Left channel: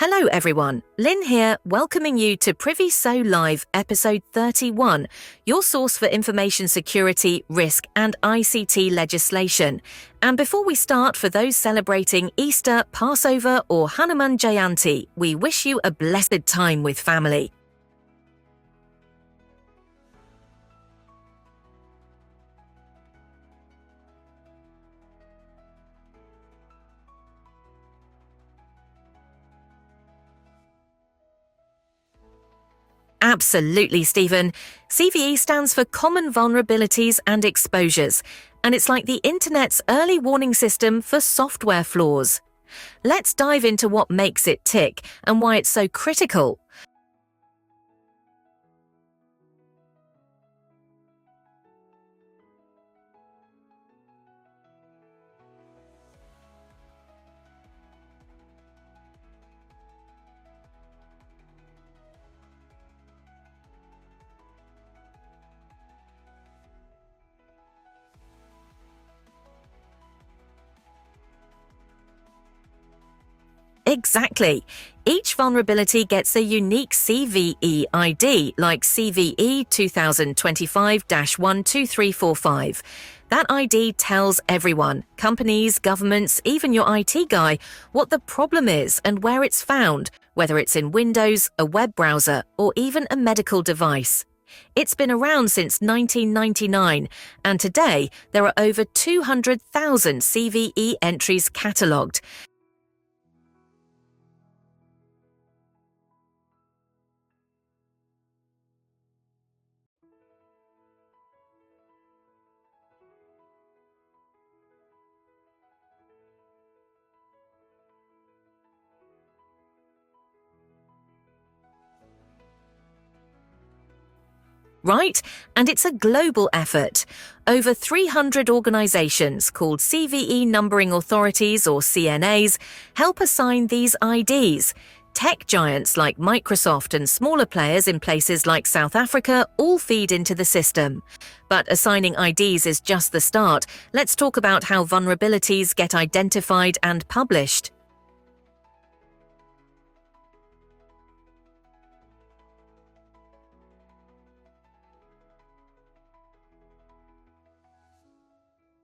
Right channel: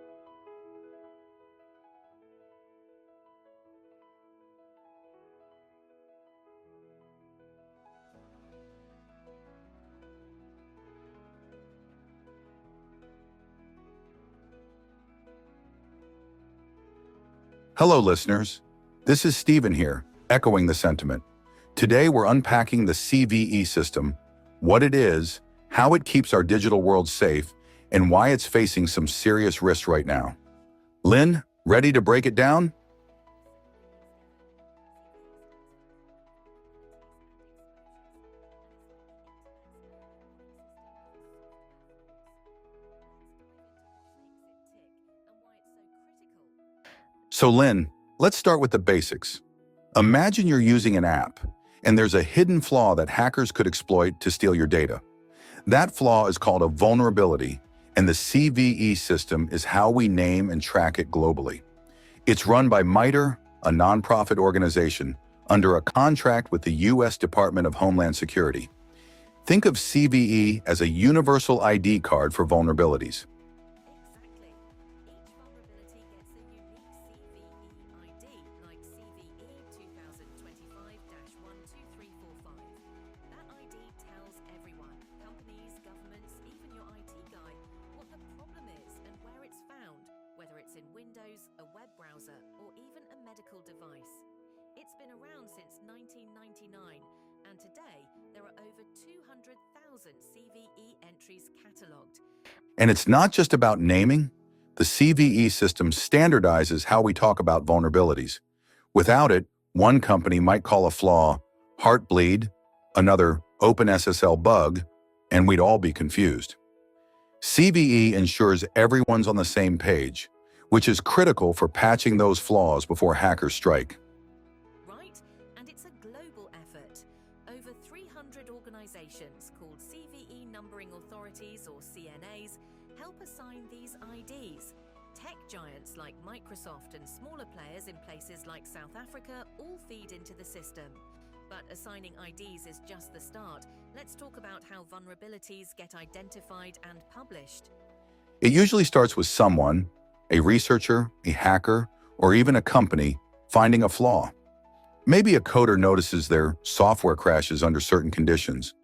Hello everyone, Lyn here, welcoming you to Priviso Live episode 31, your source for information security, risk and ICT legislation. And before we start, for those celebrating Easter, Passover or Hanuman Jayanti, we wish you a blessed time with family. Hello listeners, this is Stephen here, echoing the sentiment. Today we're unpacking the CVE system, what it is, how it keeps our digital world safe, and why it's facing some serious risks right now. Lyn, ready to break it down? Absolutely, Stephen. CVE stands for Common Vulnerabilities and Exposures, and it's like the internet's early warning system for software flaws. Let's dive into what makes it tick and why it's so critical. So Lyn, let's start with the basics. Imagine you're using an app, and there's a hidden flaw that hackers could exploit to steal your data. That flaw is called a vulnerability, and the CVE system is how we name and track it globally. It's run by MITRE, a nonprofit organization, under a contract with the U.S. Department of Homeland Security. Think of CVE as a universal ID card for vulnerabilities. Exactly. Each vulnerability gets a unique CVE ID, like CVE 2025-12345. That ID tells everyone, companies, governments, even your IT guy, what the problem is and where it's found, whether it's in Windows, a web browser, or even a medical device. It's been around since 1999, and today there are over 200,000 CVE entries catalogued. And it's not just about naming. The CVE system standardizes how we talk about vulnerabilities. Without it, one company might call a flaw Heartbleed, another OpenSSL bug, and we'd all be confused. CVE ensures everyone's on the same page, which is critical for patching those flaws before hackers strike. Right? And it's a global effort. Over 300 organizations, called CVE numbering authorities or CNAs, help assign these IDs. Tech giants like Microsoft and smaller players in places like South Africa all feed into the system. But assigning IDs is just the start. Let's talk about how vulnerabilities get identified and published. It usually starts with someone, a researcher, a hacker, or even a company, finding a flaw. Maybe a coder notices their software crashes under certain conditions,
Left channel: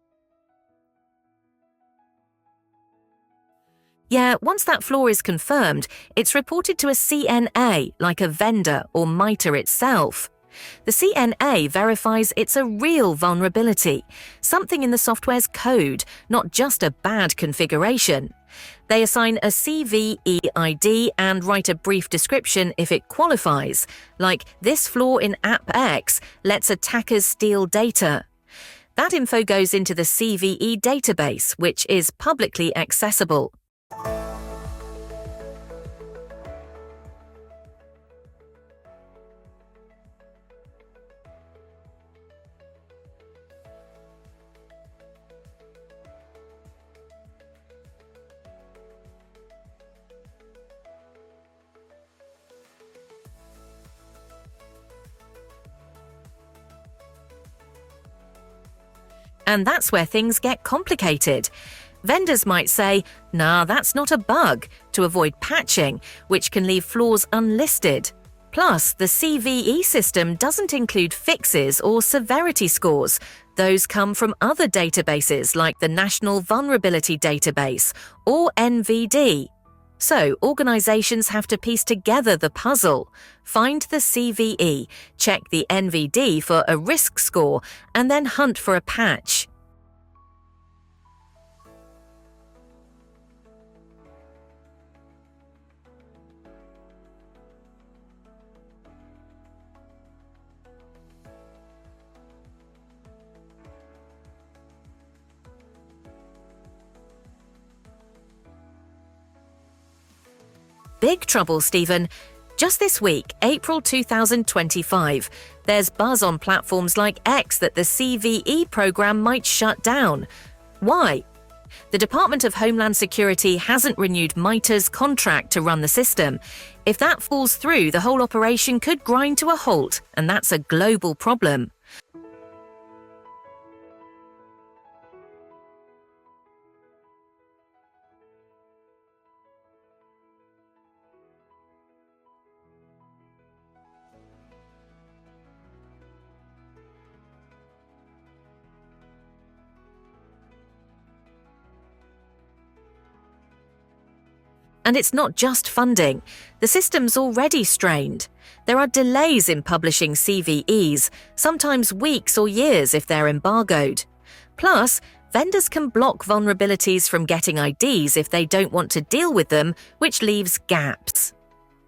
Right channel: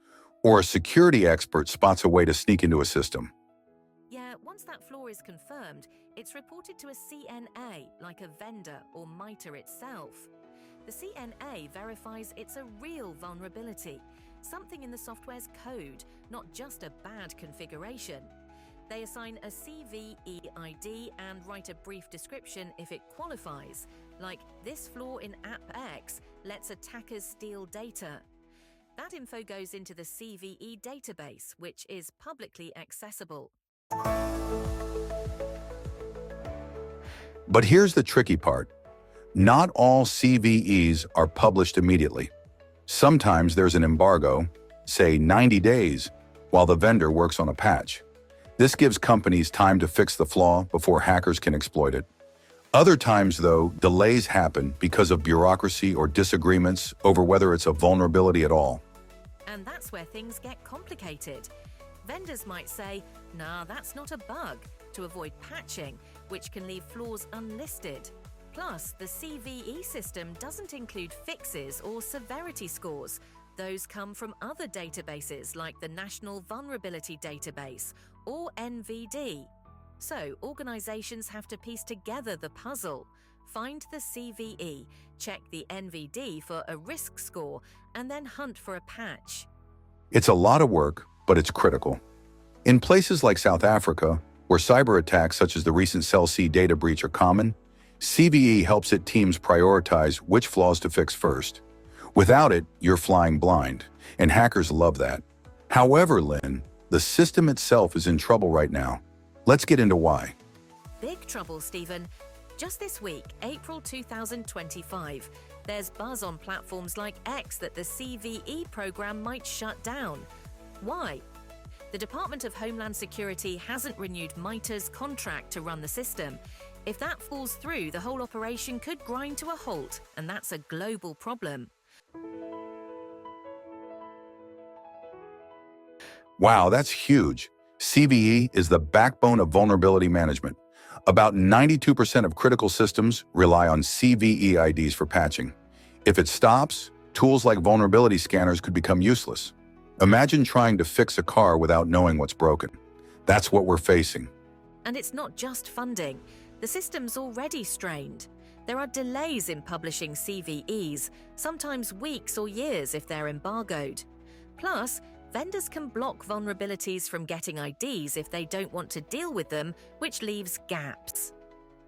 or a security expert spots a way to sneak into a system. Yeah, once that flaw is confirmed, it's reported to a CNA, like a vendor or MITRE itself. The CNA verifies it's a real vulnerability, something in the software's code, not just a bad configuration. They assign a CVE ID and write a brief description if it qualifies, like this flaw in App X lets attackers steal data. That info goes into the CVE database, which is publicly accessible. But here's the tricky part. Not all CVEs are published immediately. Sometimes there's an embargo, say 90 days, while the vendor works on a patch. This gives companies time to fix the flaw before hackers can exploit it. Other times, though, delays happen because of bureaucracy or disagreements over whether it's a vulnerability at all. And that's where things get complicated. Vendors might say, nah, that's not a bug, to avoid patching, which can leave flaws unlisted. Plus, the CVE system doesn't include fixes or severity scores. Those come from other databases like the National Vulnerability Database, or NVD. So, organizations have to piece together the puzzle. Find the CVE, check the NVD for a risk score, and then hunt for a patch. It's a lot of work, but it's critical. In places like South Africa, where cyber attacks such as the recent Cell C data breach are common, CVE helps its teams prioritize which flaws to fix first. Without it, you're flying blind, and hackers love that. However, Lyn, the system itself is in trouble right now. Let's get into why. Big trouble, Stephen. Just this week, April 2025, there's buzz on platforms like X that the CVE program might shut down. Why? The Department of Homeland Security hasn't renewed MITRE's contract to run the system. If that falls through, the whole operation could grind to a halt, and that's a global problem. Wow, that's huge. CVE is the backbone of vulnerability management. About 92% of critical systems rely on CVE IDs for patching. If it stops, tools like vulnerability scanners could become useless. Imagine trying to fix a car without knowing what's broken. That's what we're facing. And it's not just funding. The system's already strained. There are delays in publishing CVEs, sometimes weeks or years if they're embargoed. Plus, vendors can block vulnerabilities from getting IDs if they don't want to deal with them, which leaves gaps.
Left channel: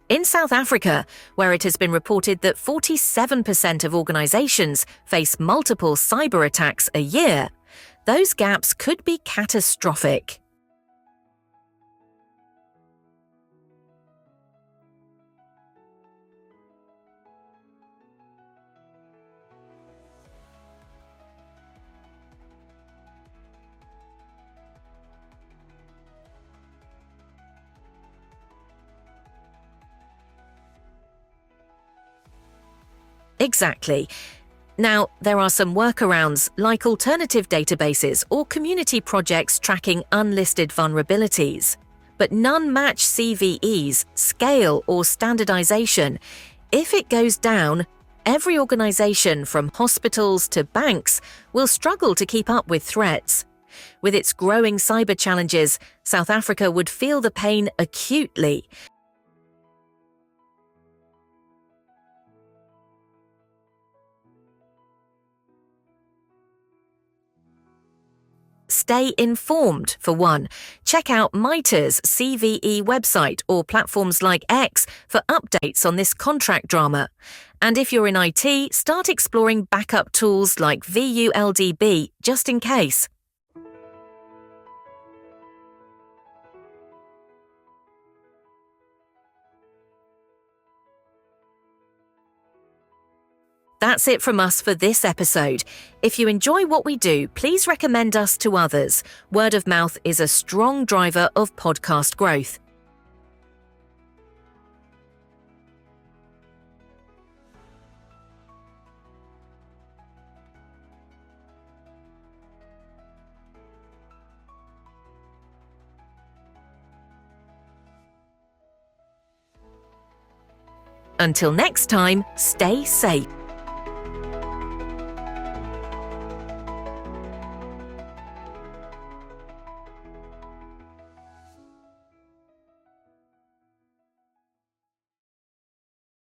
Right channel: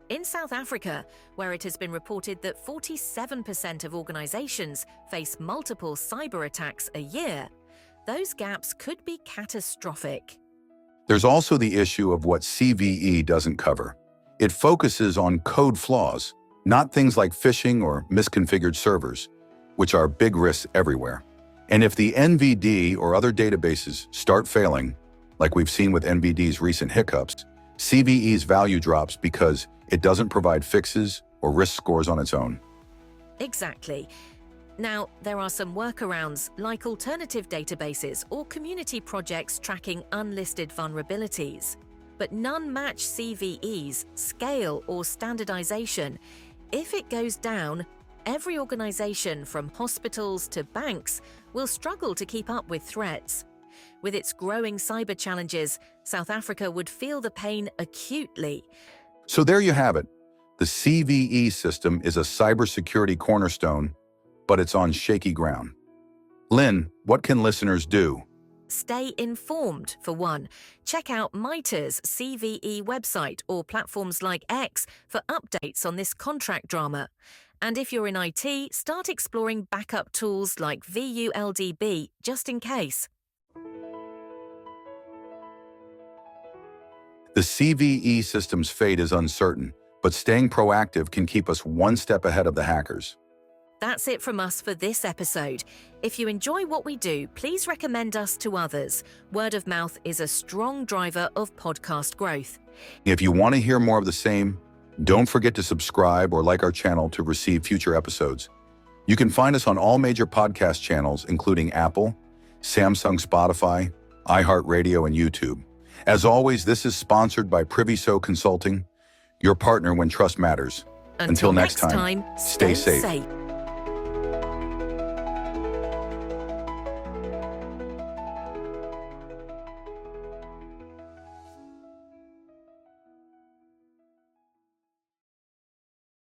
In South Africa, where it has been reported that 47% of organizations face multiple cyber attacks a year, those gaps could be catastrophic. There's also the issue of what CVE doesn't cover. It focuses on code flaws, not things like phishing or misconfigured servers, which are big risks everywhere. And if the NVD or other databases start failing, like we've seen with NVD's recent hiccups, CVE's value drops because it doesn't provide fixes or risk scores on its own. Exactly. Now, there are some workarounds, like alternative databases or community projects tracking unlisted vulnerabilities. But none match CVE's scale or standardization. If it goes down, every organization from hospitals to banks will struggle to keep up with threats. With its growing cyber challenges, South Africa would feel the pain acutely. So there you have it. The CVE system is a cybersecurity cornerstone, but it's on shaky ground. Lyn, what can listeners do? Stay informed, for one. Check out MITRE's CVE website or platforms like X for updates on this contract drama. And if you're in IT, start exploring backup tools like VULDB, just in case. The CVE system's fate is uncertain, but staying proactive can keep us one step ahead of the hackers. That's it from us for this episode. If you enjoy what we do, please recommend us to others. Word of mouth is a strong driver of podcast growth. If you want to hear more of the same, don't forget to subscribe or like our channel to receive future episodes. You can find us on all major podcast channels, including Apple, Samsung, Spotify, iHeartRadio, and YouTube. As always, this is sponsored by Priviso Consulting, your partner when trust matters. Until next time, stay safe.